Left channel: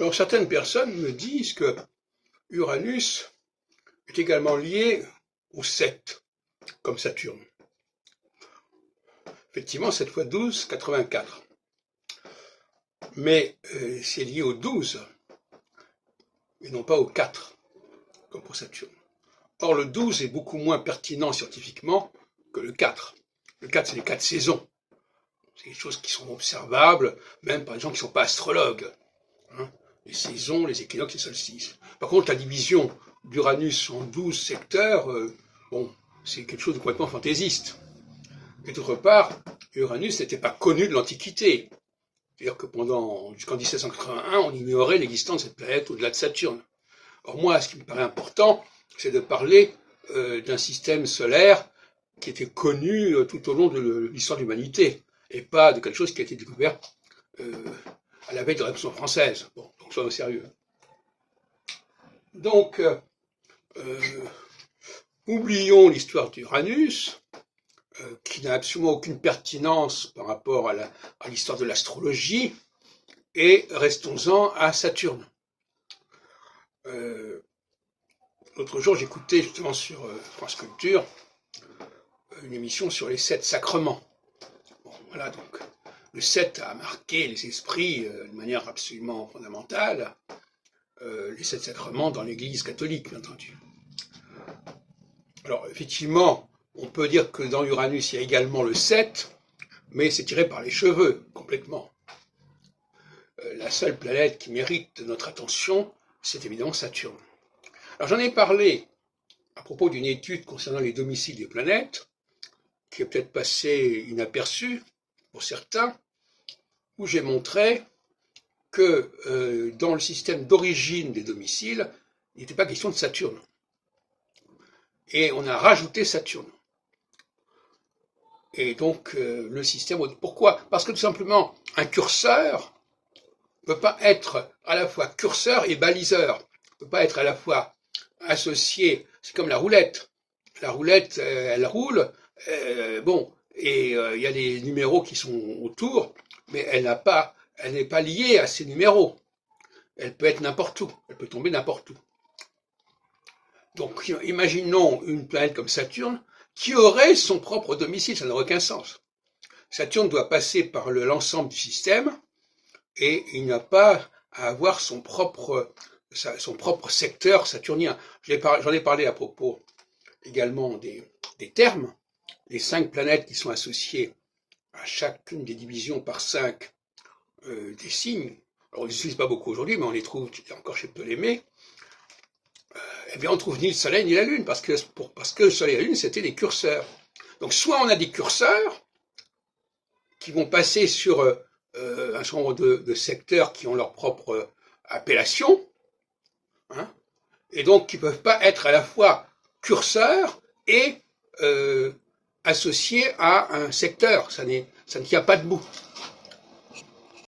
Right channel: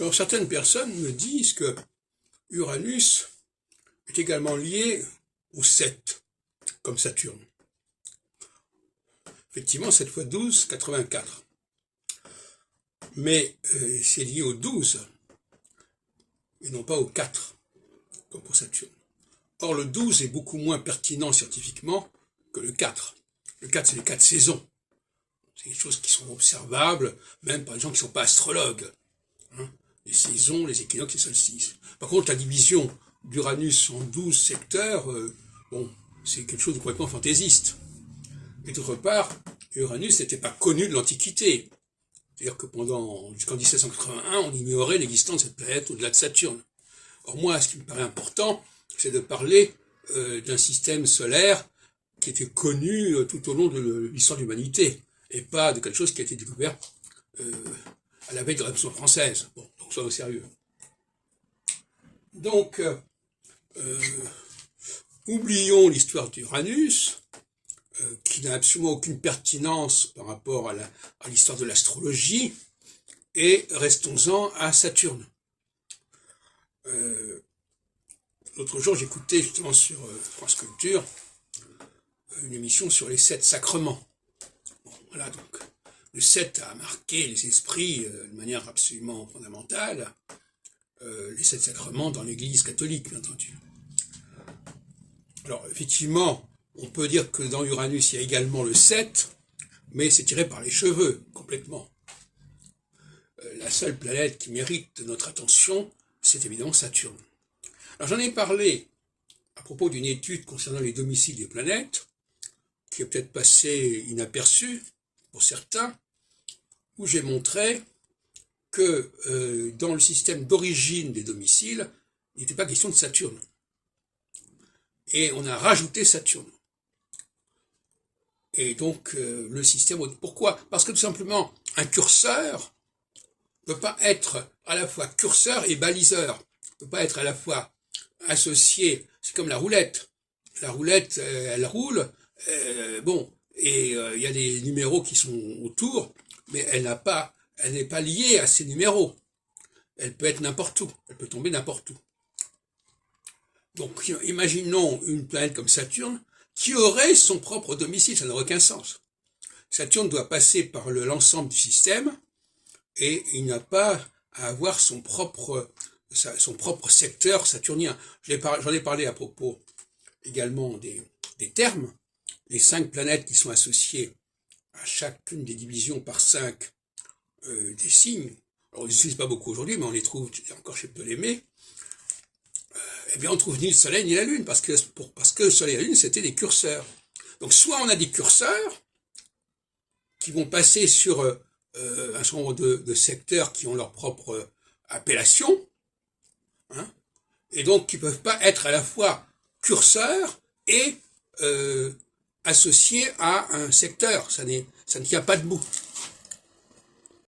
Alors certaines personnes me disent que Uranus est également lié au 7, comme Saturne. Effectivement, 7 fois 12, 84. Mais c'est lié au 12, et non pas au 4, comme pour Saturne. Or, le 12 est beaucoup moins pertinent scientifiquement que le 4. Le 4, c'est les 4 saisons. C'est des choses qui sont observables, même par exemple qui ne sont pas astrologues. Les saisons, les équinoxes, les solstices. Par contre, la division d'Uranus en 12 secteurs, c'est quelque chose de complètement fantaisiste. Et d'autre part, Uranus n'était pas connu de l'Antiquité. C'est-à-dire que jusqu'en 1781, on ignorait l'existence de cette planète au-delà de Saturne. Or moi, ce qui me paraît important, c'est de parler d'un système solaire qui était connu tout au long de l'histoire de l'humanité, et pas de quelque chose qui a été découvert à la veille de la Révolution française. Bon, donc soyons sérieux. Donc, oublions l'histoire d'Uranus, qui n'a absolument aucune pertinence par rapport à l'histoire de l'astrologie, et restons-en à Saturne. L'autre jour, j'écoutais justement sur France Culture une émission sur les 7 sacrements. Bon, voilà, donc le 7 a marqué les esprits de manière absolument fondamentale, les 7 sacrements dans l'Église catholique, bien entendu. Alors, effectivement, on peut dire que dans Uranus, il y a également le 7, mais c'est tiré par les cheveux, complètement. La seule planète qui mérite notre attention, c'est évidemment Saturne. Alors, j'en ai parlé à propos d'une étude concernant les domiciles des planètes, qui est peut-être passée inaperçue pour certains, où j'ai montré que dans le système d'origine des domiciles, il n'était pas question de Saturne. Et on a rajouté Saturne. Et donc, le système... Pourquoi? Parce que tout simplement, un curseur ne peut pas être à la fois curseur et baliseur. Ne peut pas être à la fois associé... C'est comme la roulette. La roulette, elle roule, et il y a des numéros qui sont autour, mais elle n'est pas liée à ces numéros. Elle peut être n'importe où. Elle peut tomber n'importe où. Donc, imaginons une planète comme Saturne, qui aurait son propre domicile, ça n'a aucun sens. Saturne doit passer par l'ensemble du système, et il n'a pas à avoir son propre secteur saturnien. J'en ai parlé à propos également des termes, les 5 planètes qui sont associées à chacune des divisions par 5 des signes. Alors, on ne les utilise pas beaucoup aujourd'hui, mais on les trouve encore chez Ptolémée. Eh bien, on trouve ni le Soleil ni la Lune, parce que le Soleil et la Lune, c'était des curseurs. Donc, soit on a des curseurs qui vont passer sur un certain nombre de secteurs qui ont leur propre appellation, et donc qui ne peuvent pas être à la fois curseurs et associés à un secteur. Ça ne tient pas debout.